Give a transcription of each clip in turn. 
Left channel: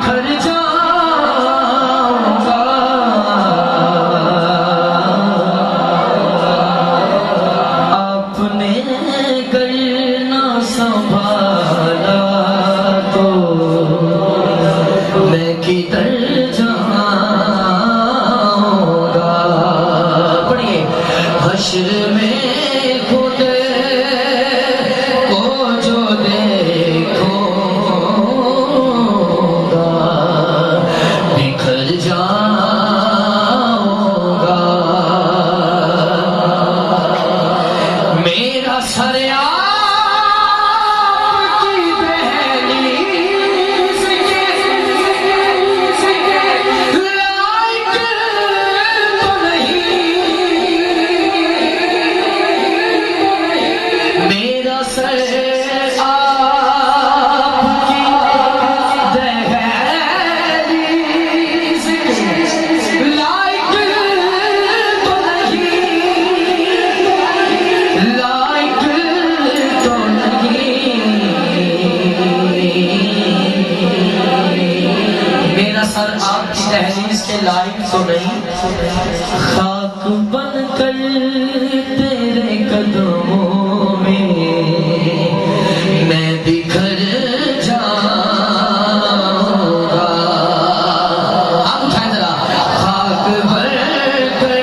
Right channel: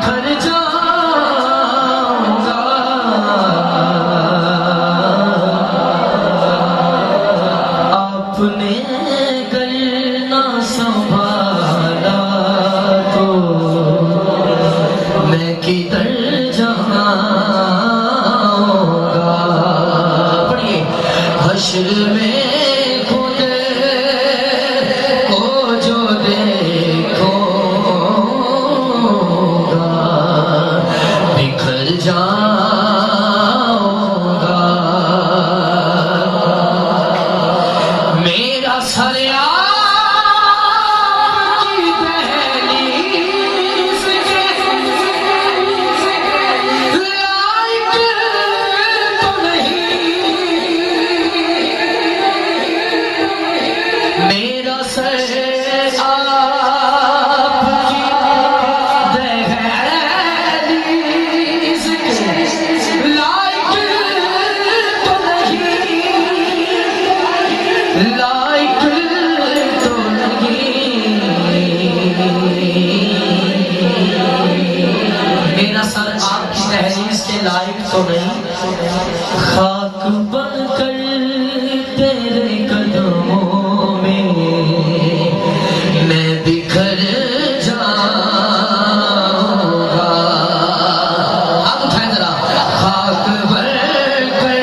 बिखर जाऊंगा, आपने घर ना संभाला तो मैं किधर जाऊंगा। पढ़िए, हश्र में खुद को जो देखूंगा बिखर जाऊंगा। मेरा सर आपकी दहलीज के लायक तो नहीं। मेरा सर आपकी दहलीज के लायक तो नहीं, लायक तो नहीं। मेरा सर आपकी दहलीज के लायक तो नहीं। खाक बनकर तेरे कदमों में मैं बिखर जाऊंगा। आप उठाएं जरा। खाक बनकर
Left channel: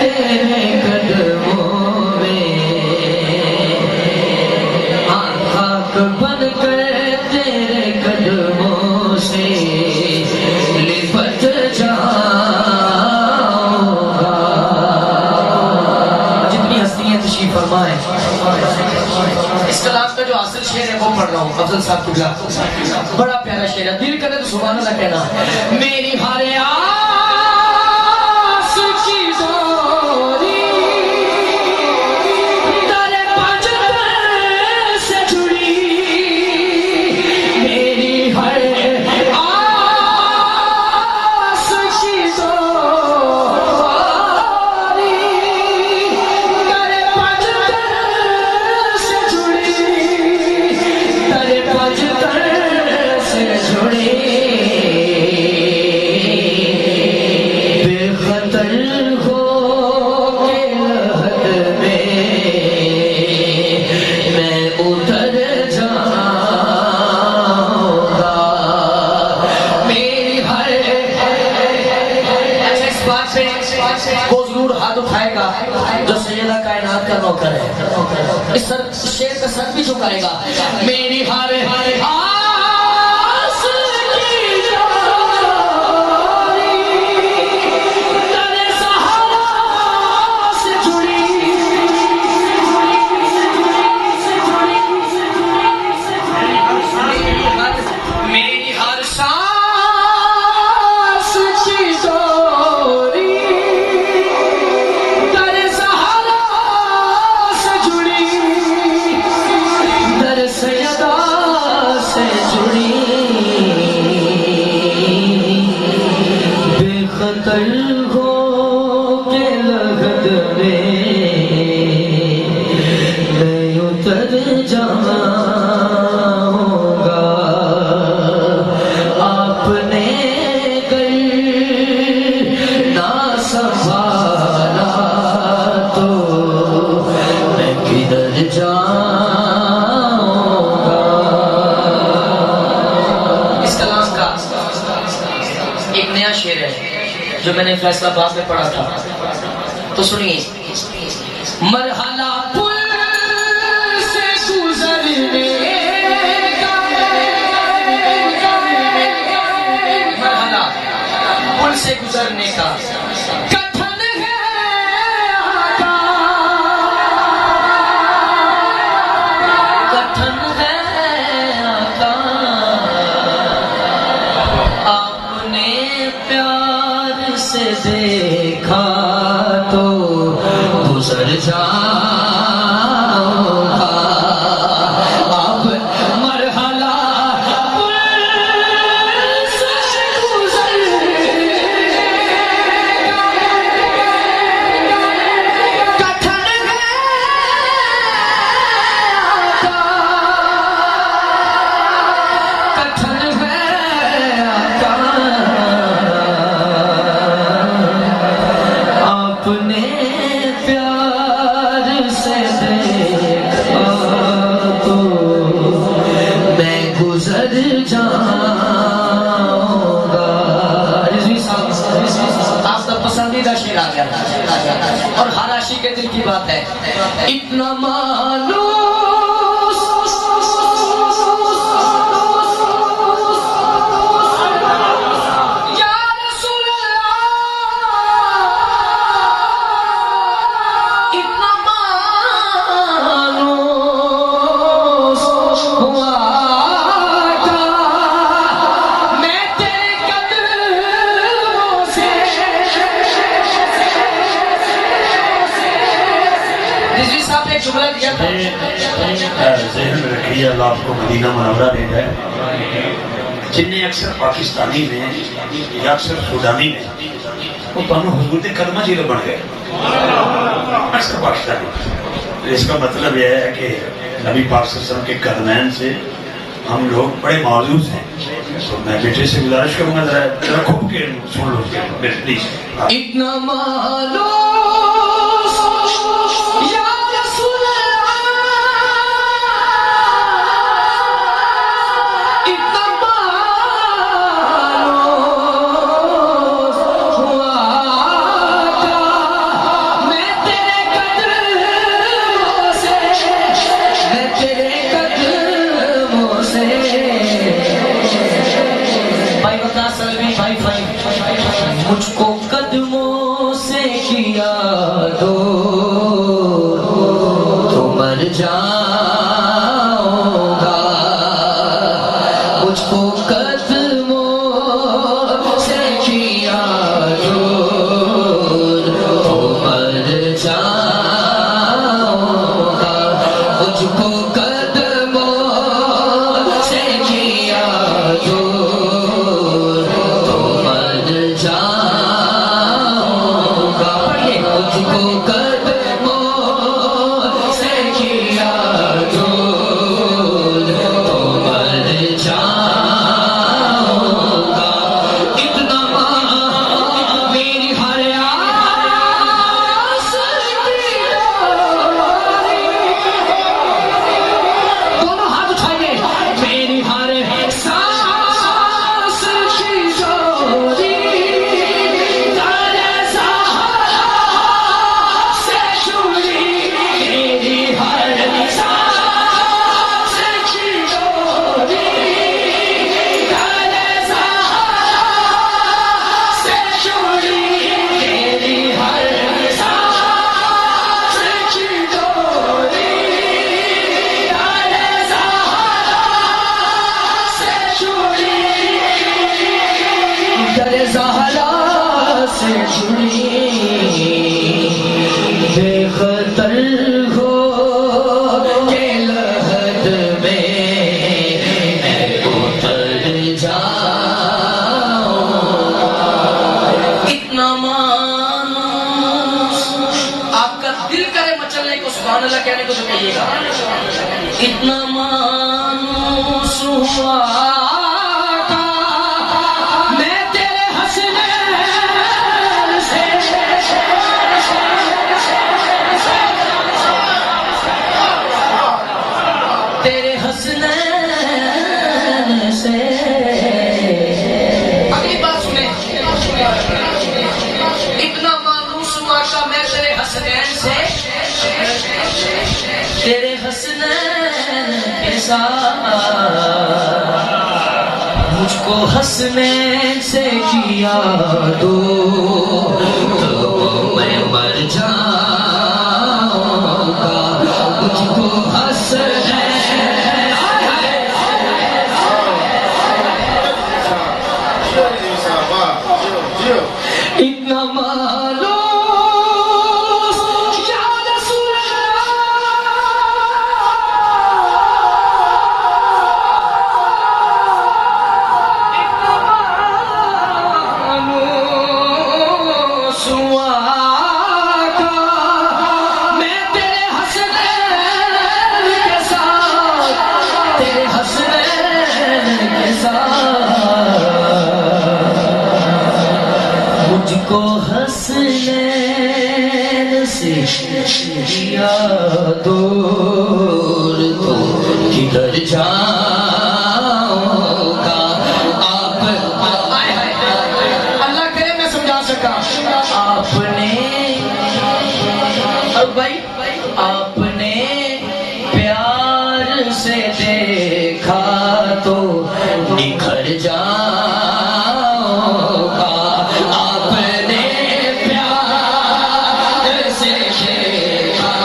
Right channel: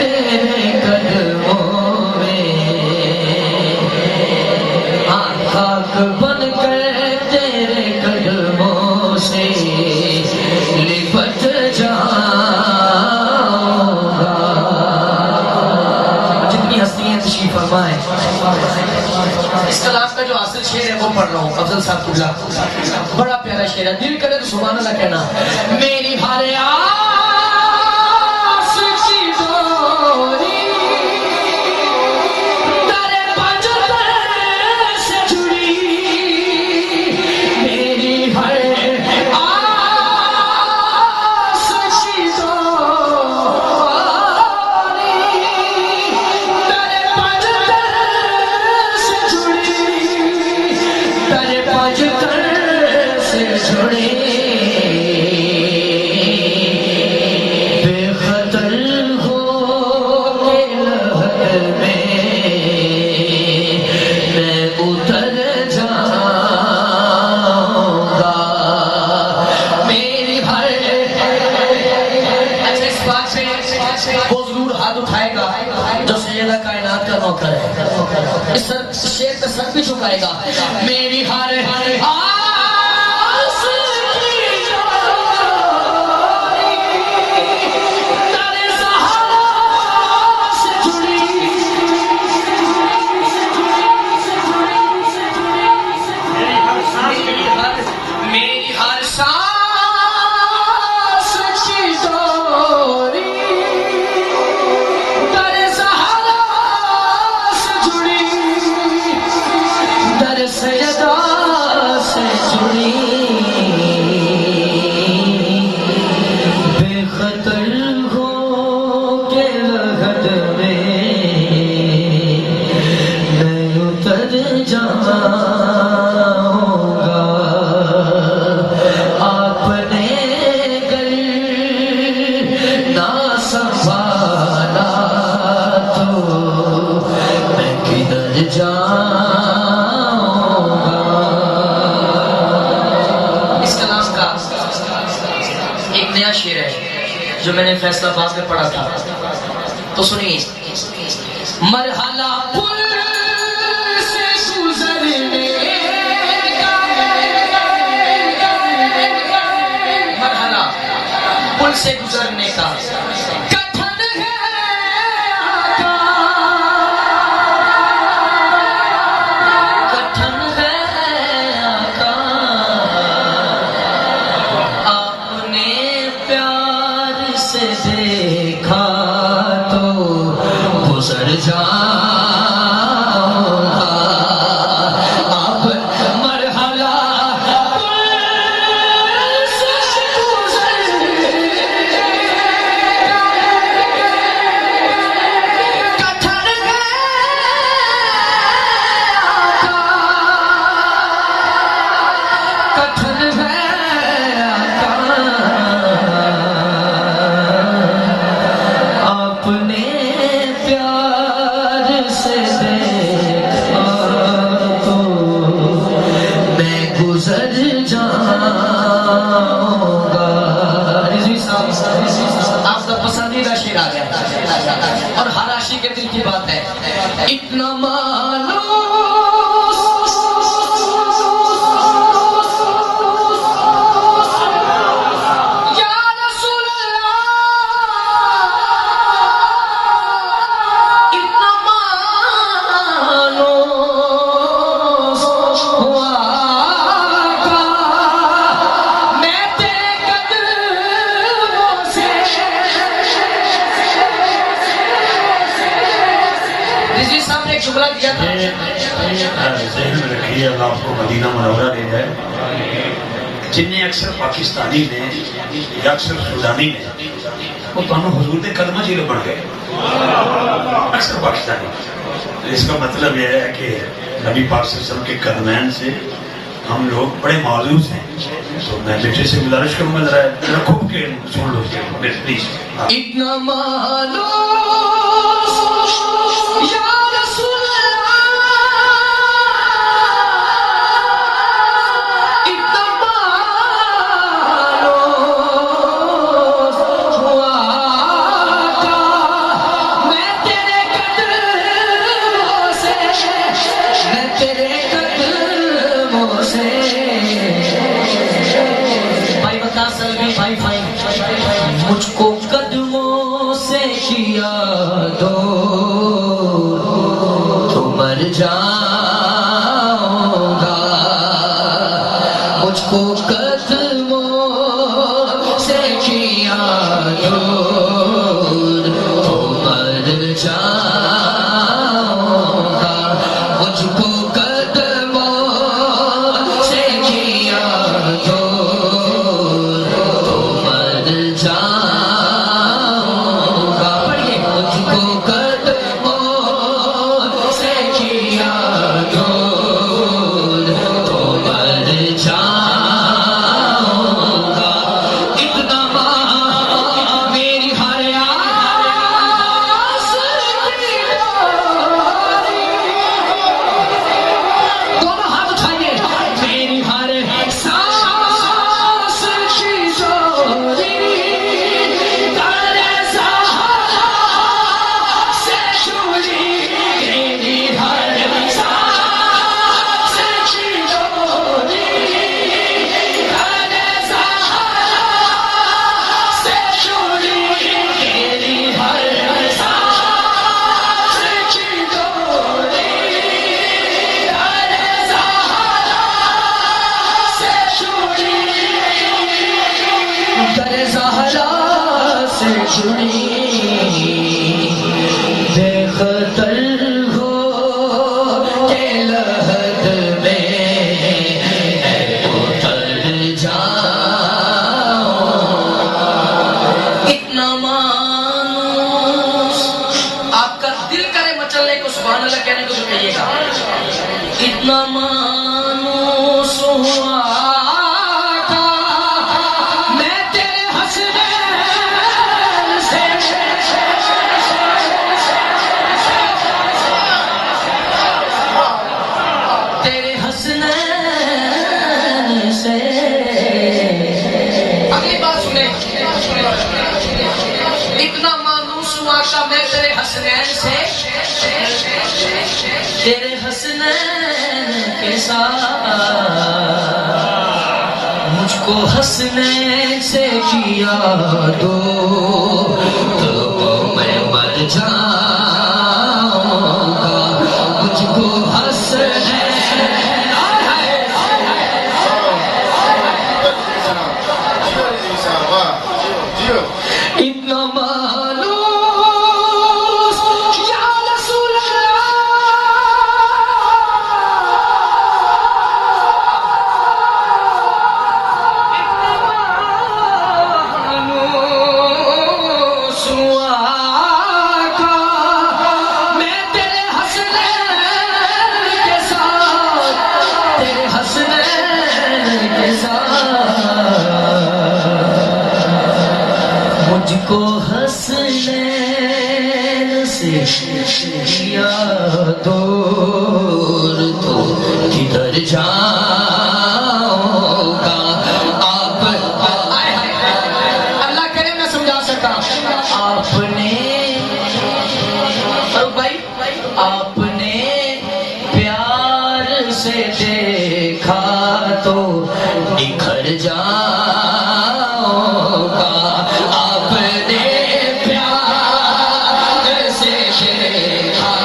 तेरे कदमों में, हाँ, खाक बनकर तेरे कदमों से लिपट जाऊंगा। जितनी हस्तियां तशरीफ फरमाए। इस कलाम का जो असल शेर है वो पढ़ रहा हूँ, अफजल साहब कुबला। बड़ा प्यारा शेर है, दिल करे तो सुभान अल्लाह कहना। मेरी हर आस की डोरी तेरे पंजर से जुड़ी, मेरी हर आस की डोरी तेरे पंजर से जुड़ी, तेरे पंजर से जुड़ी। बेखतर हो के लहद में मैं उतर जाऊंगा। मेरी हर, अच्छा, इस बात से वो जरूर हाथ उठाएगा जो सैयदा कायनात का नौकर है। इस शेर का सर भी झुकाएगा। मेरी हर आस की डोरी तेरे सहारा से जुड़ी, मेरी हर सांस की डोरी तेरे सहारा से जुड़ी, तेरे सैयदा से जुड़ी। बेखतर हो के लगत में मैं उतर जाऊंगा। आपने घर ना संभाला तो मैं किधर जाऊंगा। इस कलाम का एक नया शेर है जो मैंने फैसलाबाद में पढ़ा था, तो सुनिए। मरहला पुल से गुजरने का, मरहला पुल से गुजरने का कठिन है आका, कठिन है आका। आपने प्यार से देखा तो गुजर जाऊंगा। आप मरहला पुल से गुजरने बात है। इतना मानो ज़हन रखिए, अल्लाह आपको मदीना मुनव्वरा देता है। जिन्हें अक्सर पाकिस्तानी ने या अक्सर सुडानी ने वो दोनों हुजूर के कदम जीरे बन गए, अक्सर पाकिस्तानी। तो इसका मतलब यह है कि नबी पाक सल्लल्लाहु अलैहि वसल्लम के कदमैन से हम लोग बड़े मायूस हैं। तो मैं बेटे से गुजारिश करूंगा जरा खूब के सुन लो प्लीज। इतना मानो मुझको कदमों से किया दो तो मर जाऊंगा, मुझको कदमों से किया दो तो मर जाऊंगा, मुझको कदमों से किया दो बेखतर हो के लहद में उतर जाओ, इतना मानूस आपका दिल करे मचलने को, सुभान अल्लाह कहने को तो कहिएगा। इतना मानूस हुआ तेरे हंसने से। अगली बात सुने, इतना मानूस हुआ था मैं तेरे हंसने से, तेरे हंसने के साथ मुझको हंसने से किया दो तो मैं मर जाऊंगा, मुझको हंसने इतना मानो या रसूल अल्लाह, इतना मानो सुआ का मैं तेरे हंसने के साथ, तेरे हंसने के साथ मुझको हंसने से किया दूर तो किधर जाऊंगा। आप अल्लाह करे मैं समझा सका आपने। अब भाई से देखा तो निखर जाओगा, आपने प्यार से देखा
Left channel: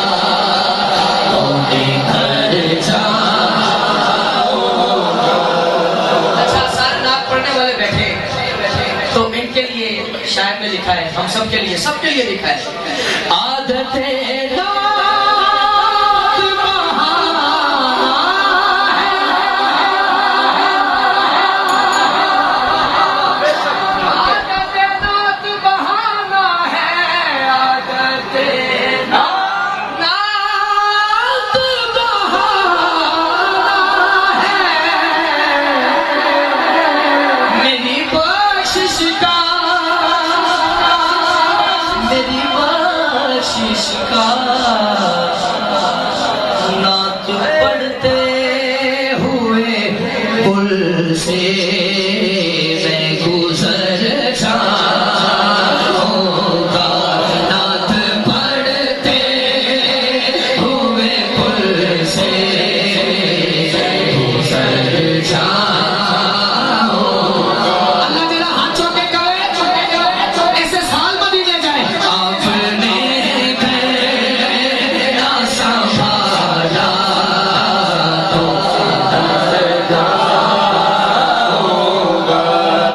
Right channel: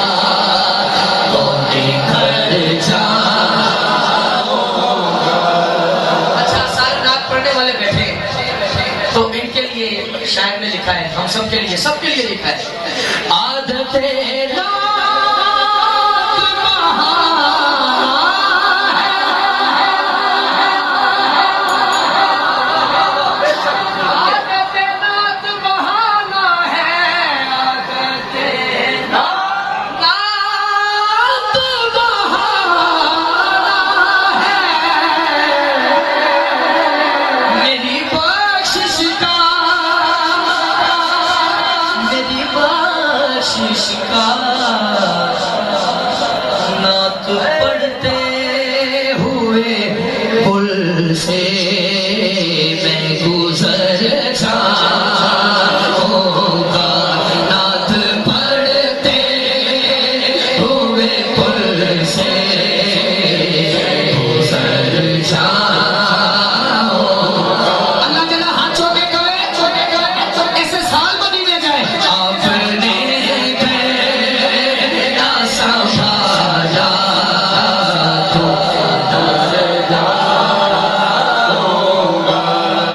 तो निखर जाओगा। अच्छा, सारे नाक पढ़ने वाले बैठे तो इनके लिए शायर ने लिखा है, हम सबके लिए लिखा है। आदते ना तू पढ़ते हुए भूल से